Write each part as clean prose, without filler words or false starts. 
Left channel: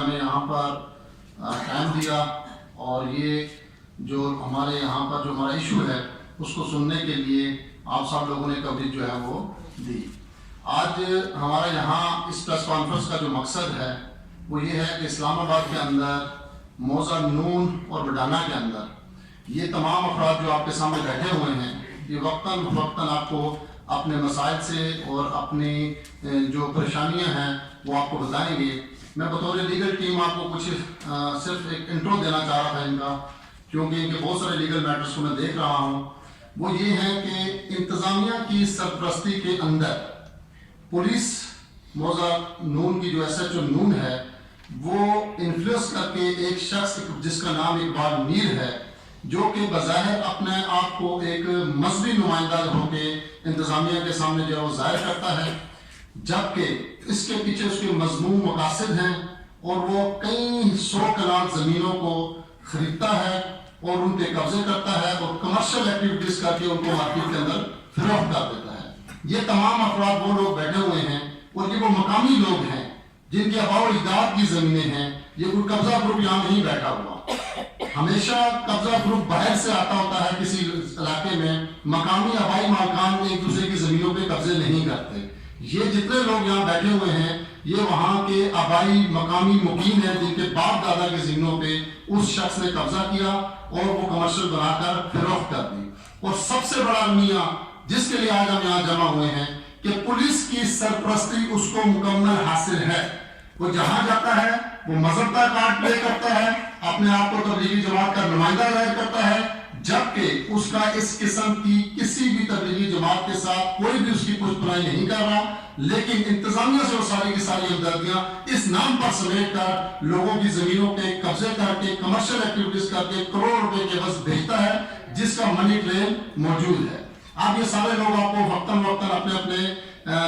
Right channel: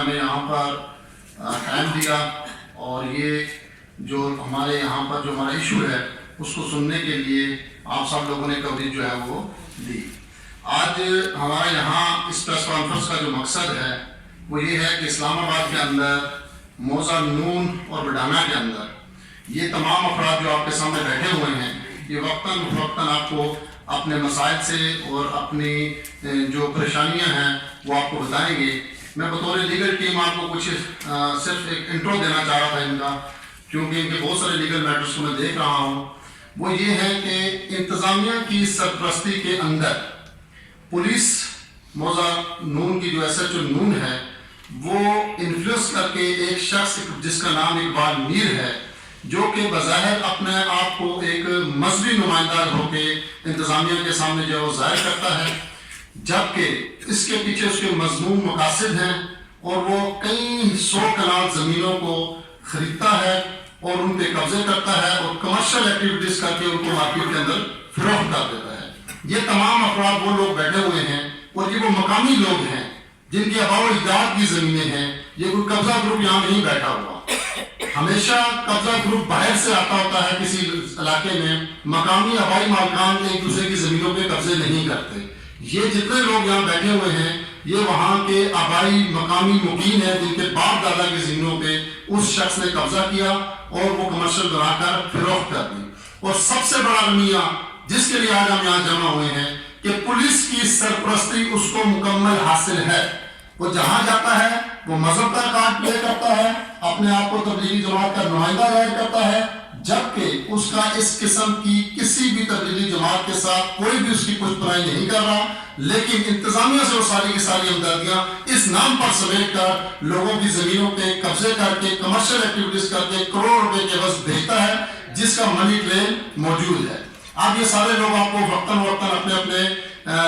ہمیں یہاں پر ٹائم دیا اور یہ جو ہمارے یہاں پر جو ہمارا ایشو ہے اس کو سننے کے لیے آپ سب لوگوں نے کوریج جو ہے وہ دی۔ آج ہمارا یہاں اس پریس کانفرنس کا جو مقصد ہے وہ یہ ہے کہ اسلام آباد کے اندر، موضع نون اور بڈانہ کے اندر یہ تمام افراد جو آپ کے سامنے بیٹھے ہوئے ہیں، یہ وقتاً فوقتاً آپ کو اپنے مسائل سے اور اپنی جو پریشانیاں ہیں وہ آپ کو بتائیں گے۔ میں بطور لیگل ٹیم آپ کو کچھ صرف ایک انٹرو دینا چاہ رہا تھا ان کا، کیونکہ ان کے بہت سارے لیگل میٹرز کو میں دیکھ رہا ہوں۔ وہ یہ ہے کہ انتظامیہ کی سرپرستی کے اندر پولیس موضع نون کی جو ایس ایچ او نون ہے وہ انفلوئنس کر کے ایک شخص جس کا نام اقبال میر ہے، جو کہ بظاہر اپنے آپ کو ایک مذہبی نمائندہ ہو کے انتظامیہ کے سامنے جو ہے وہ ظاہر کرتا ہے، جبکہ اس کے پیچھے اس کے مذموم مقاصد ہیں اور وہ کئی 100 کنال زمینوں کو خریدتا ہے اور ان پہ قبضے کرتا ہے اور کمرشل ایکٹیویٹیز کر کے ان کو مارکیٹ کے اندر فروخت کر دیتا ہے۔ یہ تمام افراد وہ لوگ بیٹھے ہوئے ہیں اور یہ وہ مقامی لوگ ہیں جن کی آباء و اجداد کی زمینیں ہیں۔ یہ کوئی قبضہ گروپ یہاں نہیں بیٹھا ہوا، ہمیشہ قبضہ گروپ باہر سے آتا ہوتا ہے کسی علاقے میں، مقامی آبائی مالکان ایک دوسرے کی زمینوں پہ قبضے نہیں کرتے۔ یہ جتنے لوگ یہاں بیٹھے ہوئے ہیں یہ وہاں کے آبائی مقامی مقیم ہیں جن کے باپ دادا کی زمینوں پہ اس شخص نے قبضہ کیا اور وہ کمرشل بنا کر فروخت کر دی۔ اور سب سے بڑا المیہ جس کے لیے آج ہم یہاں جمع ہوئے ہیں کہ پولیس کی سرپرستی اس کو مکمل حاصل ہے۔ وہ جہاں جاتا ہے وہ مذہب کا کارڈ پلے کرتا ہے، اپنے آپ کو تبلیغی جماعت کا نمائندہ ظاہر کرتا ہے، جبکہ اس کا اس قسم کی کسی بھی تبلیغی جماعت کے ساتھ کوئی بھی اس کی پشت پناہی نہیں کر رہا، لیکن انتظامیہ سے وہ ساری کی ساری ہمدردیاں اس نام پر سمیٹ کر لوگوں کی زمینوں پہ قبضے کر کے کمرشل ایکٹیویٹیز کر کے کروڑ روپے کے عوض بھیجتا ہے، جس کا منی ٹرین موجود ہے۔ اب یہ سارے لوگ آپ کو وقتاً وقتاً اپنے اپنے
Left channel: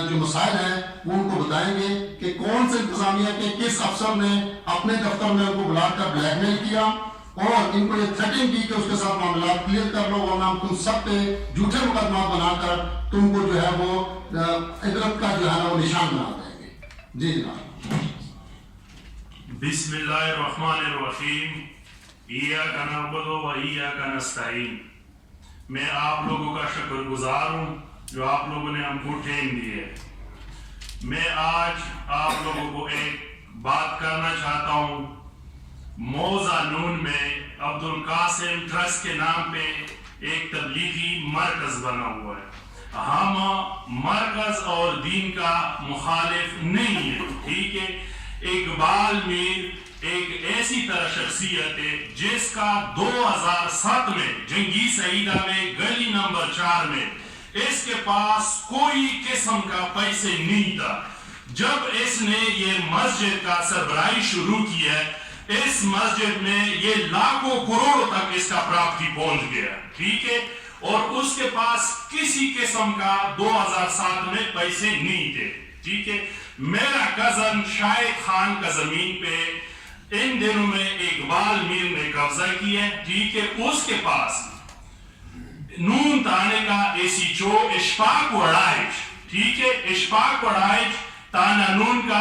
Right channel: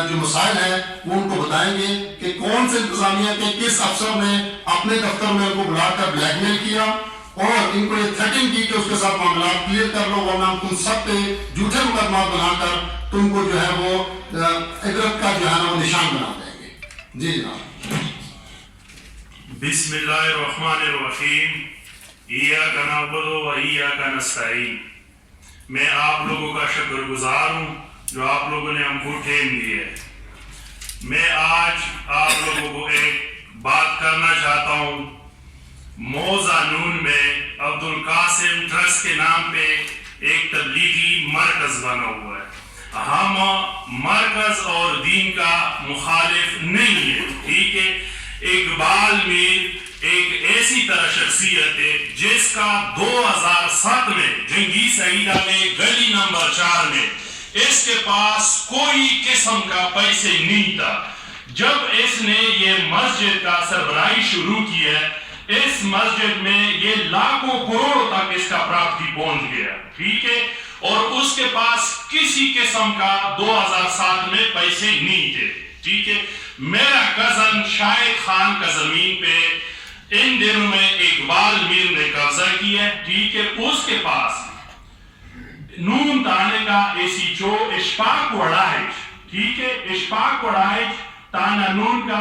جو مسائل ہیں وہ ان کو بتائیں گے کہ کون سے انتظامیہ کے کس افسر نے اپنے دفتر میں ان کو بلا کر بلیک میل کیا اور ان کو یہ تھریٹنگ کی کہ اس کے ساتھ معاملات کلیئر کر لو ورنہ ہم تم سب پہ جھوٹے مقدمات بنا کر تم کو جو ہے وہ عبرت کا جو ہے نا وہ نشان بنا دیں گے۔ جی جناب۔ بسم اللہ الرحمن الرحیم، ایاک نعبد و ایاک نستعین۔ میں آپ لوگوں کا شکر گزار ہوں جو آپ لوگوں نے ہم کو ٹائم دی ہے۔ میں آج آپ لوگوں کو ایک بات کرنا چاہتا ہوں۔ موضع نون میں عبدالقاسم ٹرسٹ کے نام پہ ایک تبلیغی مرکز بنا ہوا ہے۔ ہم مرکز اور دین کا مخالف نہیں ہے، ٹھیک ہے۔ اقبال میر ایک ایسی طرح شخصیت ہے جس کا 2007 میں جنگی سعیدہ میں گلی نمبر 4 میں اس کے پاس کوئی قسم کا پیسے نہیں تھا۔ جب اس نے یہ مسجد کا سربراہی شروع کیا، اس مسجد میں یہ لاکھوں کروڑوں تک اس کا پراپرٹی پہنچ گیا، ٹھیک ہے۔ اور اس کے پاس کسی قسم کا 2007 میں پیسے نہیں تھے، ٹھیک ہے۔ میرا کزن شاہد خان کا زمین پہ ان دنوں میں اقبال میر نے قبضہ کیا، ٹھیک ہے۔ اس کے پاس نون تانے کا ایسیچو اشفاق وڑائچ، ٹھیک ہے، اشفاق وڑائچ تانا نون کا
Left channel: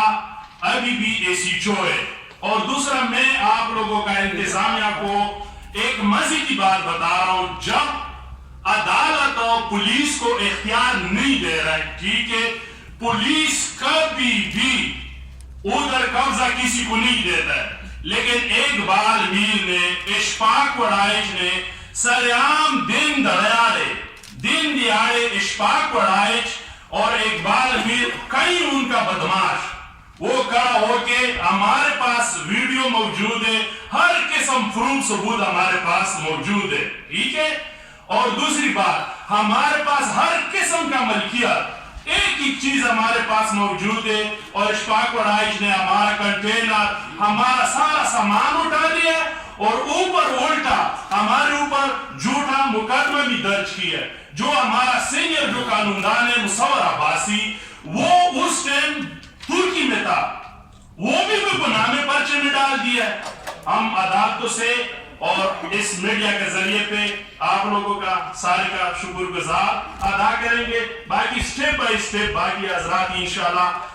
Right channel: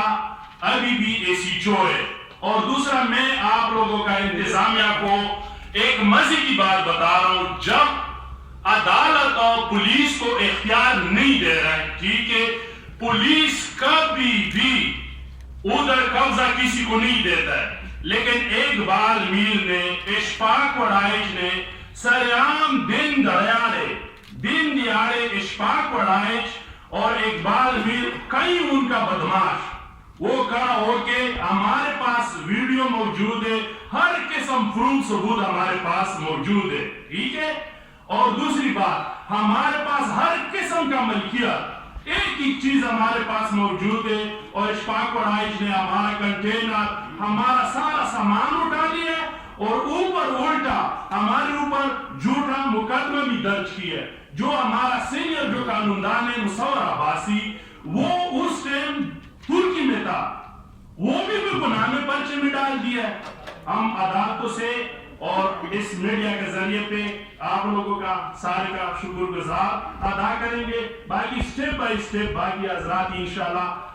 ابھی بھی ایسیچو ہے۔ اور دوسرا میں آپ لوگوں کا انتظامیہ کو ایک مزے کی بات بتا رہا ہوں، جب عدالت اور پولیس کو اختیار نہیں دے رہا ہے، ٹھیک ہے، پولیس کبھی بھی ادھر قبضہ کسی کو نہیں دیتا ہے، لیکن اقبال میر نے، اشفاق وڑائچ نے سرعام دن دیاڑے اشفاق وڑائچ اور اقبال میر کئی ان کا بدماش وہ کھڑا ہو کے ہمارے پاس ویڈیو موجود ہے، ہر قسم پروف ثبوت ہمارے پاس موجود ہے، ٹھیک ہے۔ اور دوسری بات، ہمارے پاس ہر قسم کا ملکیت ایک ہی چیز ہمارے پاس موجود ہے، اور اشفاق وڑائچ نے ہمارا کنٹینر، ہمارا سارا سامان اٹھا لیا اور اوپر الٹا ہمارے اوپر جھوٹا مقدمہ بھی درج کیا۔ جو ہمارا سینئر جو قانوندان ہے مصور عباسی، وہ اس ٹائم ترکی میں تھا، وہ بھی گناہ میں پرچے میں ڈال دیا ہے۔ ہم عدالتوں سے اور اس میڈیا کے ذریعے پہ آپ لوگوں کا سارے کا شکر گزار ادا کریں گے۔ باقی سٹیپ بائی سٹیپ باقی حضرات انشاءاللہ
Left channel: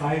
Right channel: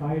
5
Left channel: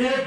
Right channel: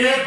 1